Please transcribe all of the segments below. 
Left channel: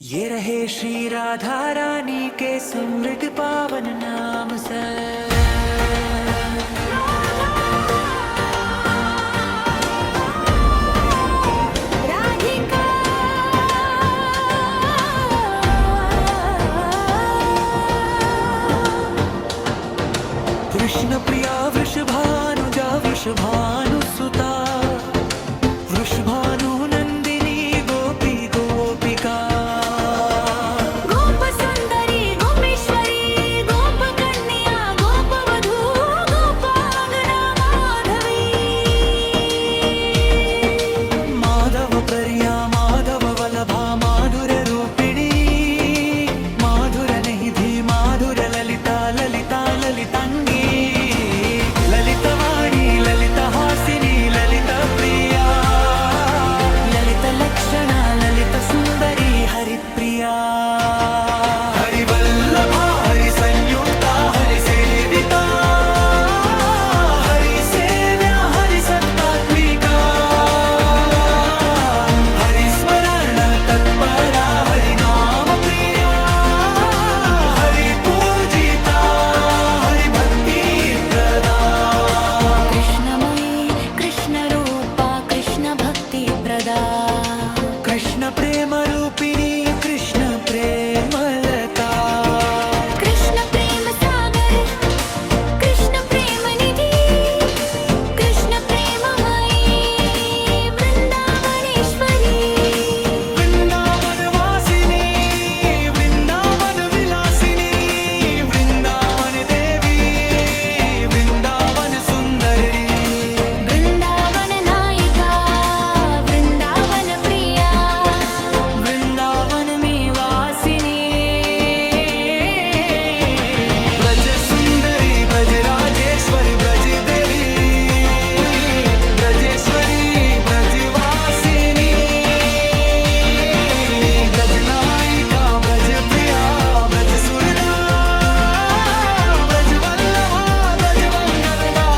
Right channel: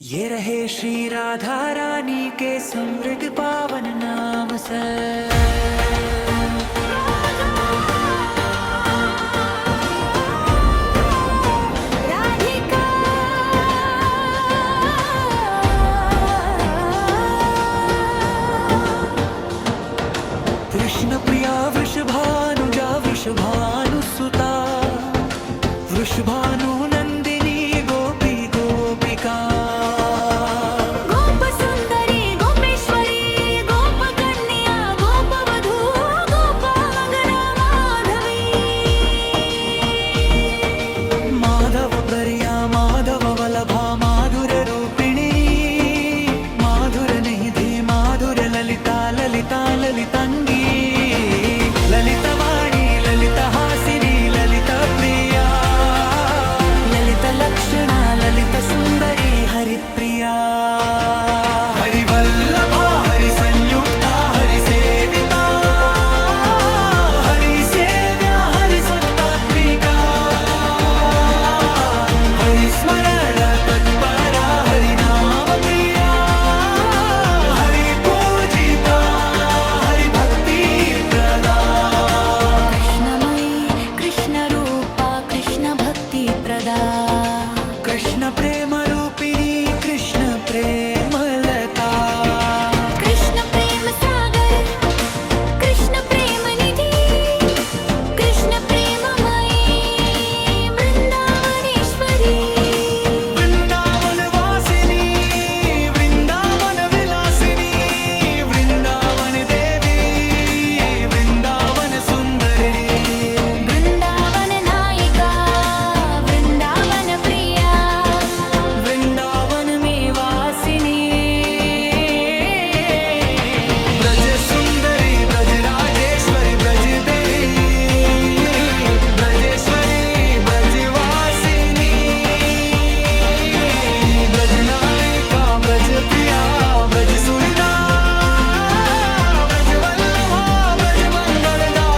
ये रहे श्री राधा रानी के समृद्ध पावन नाम से। कृष्ण प्रिया वृषभानुजा वृषभानुसुता वृषभानु नंदिनी गोपी गोपिका गोप सुंदरी गोपेश्वरी गोप कन्या गोप वधू गोपांगना माधवी। माधव प्रिया माधव वल्लभा माधुर रूपिणी माधुर निधि माधुर ललिता ललिता ललितांगी ललितवाणी ललित हासिनी ललित प्रिया ललित लक्षणा ललित सुंदरी हरिप्रिया। हरिवल्लभा हरि संयुक्ता हरि सेविता हरि सेव्या हरि सत्तात्मिका हरि स्मरण तत्परा हरि नाम प्रिया हरि पूजिता हरि भक्ति प्रदा। कृष्णमयी कृष्ण रूपा कृष्ण भक्ति प्रदा। कृष्ण प्रेम रूपिणी कृष्ण प्रेमलता कृष्ण प्रेम सागर कृष्ण प्रेम निधि कृष्ण प्रेममयी वृंदावनेश्वरी। वृंदावन वासिनी वृंदावन विलासिनी वृंदावन देवी वृंदावन सुंदरी वृंदावन नायिका वृंदावन प्रिया वृंदावन में वासिनी ब्रज सुंदरी ब्रज राजेश्वरी ब्रज देवी ब्रजेश्वरी ब्रजवासिनी ब्रज नायिका ब्रज प्रिया ब्रज सुरदा ब्रज वल्लभा ब्रज मंगलदा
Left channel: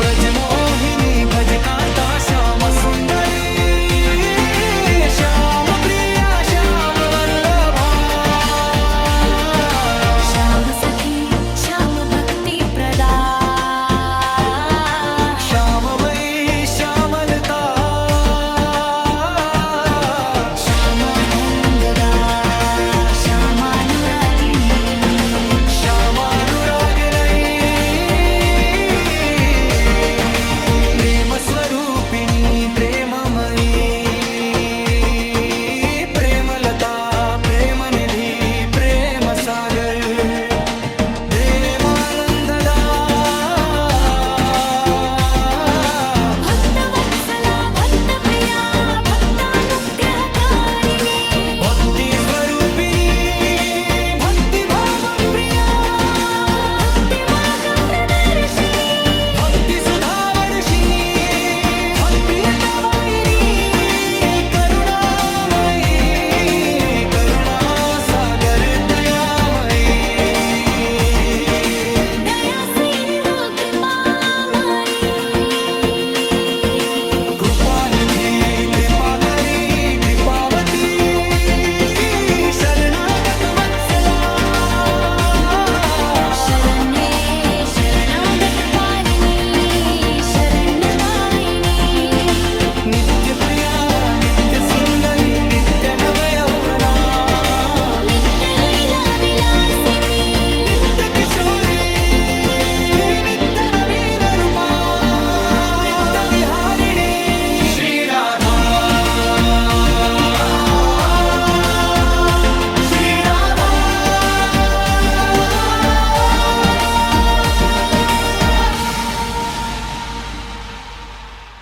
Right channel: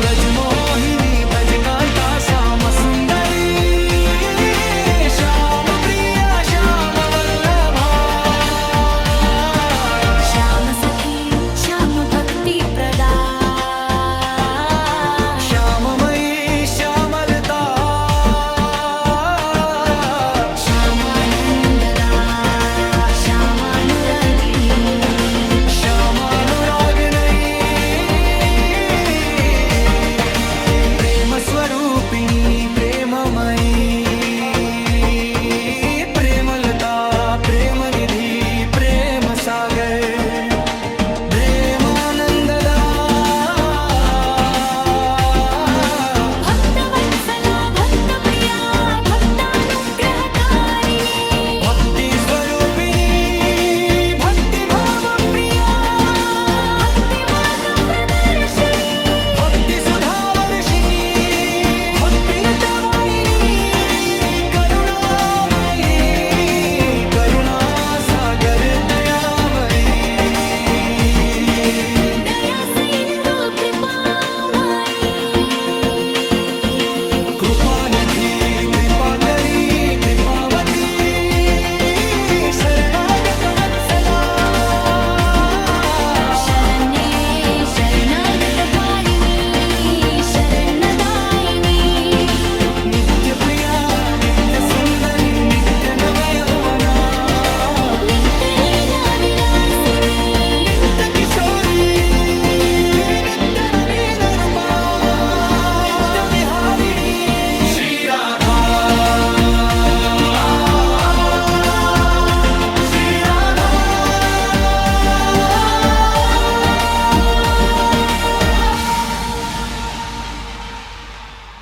ब्रज मोहिनी भज कांता श्याम सुंदरी श्याम प्रिया श्याम वल्लभा। श्याम सखी श्याम भक्ति प्रदा। श्याममयी श्यामलता श्यामानंददा श्यामानुरागिनी। श्यामानुरागिनी प्रेम स्वरूपिणी प्रेममयी प्रेमलता प्रेमनिधि प्रेम सागर प्रेमानंददा भक्तवत्सला भक्तप्रिया भक्तानुग्रहकारिणी। भक्ति स्वरूपिणी भक्ति भाव प्रिया भक्तिमार्ग प्रदर्शिनी। भक्ति सुधावर्षिणी भक्तिदायिनी करुणामयी करुणासागर दयामयी दया सिंधु कृपामयी। कृपानिधी कृपाकरी कृपावती शरणागत वत्सला शरण्ये शरणागत पालिनी शरणदायिनी। नित्य प्रिया नित्य सुंदरी नित्य नव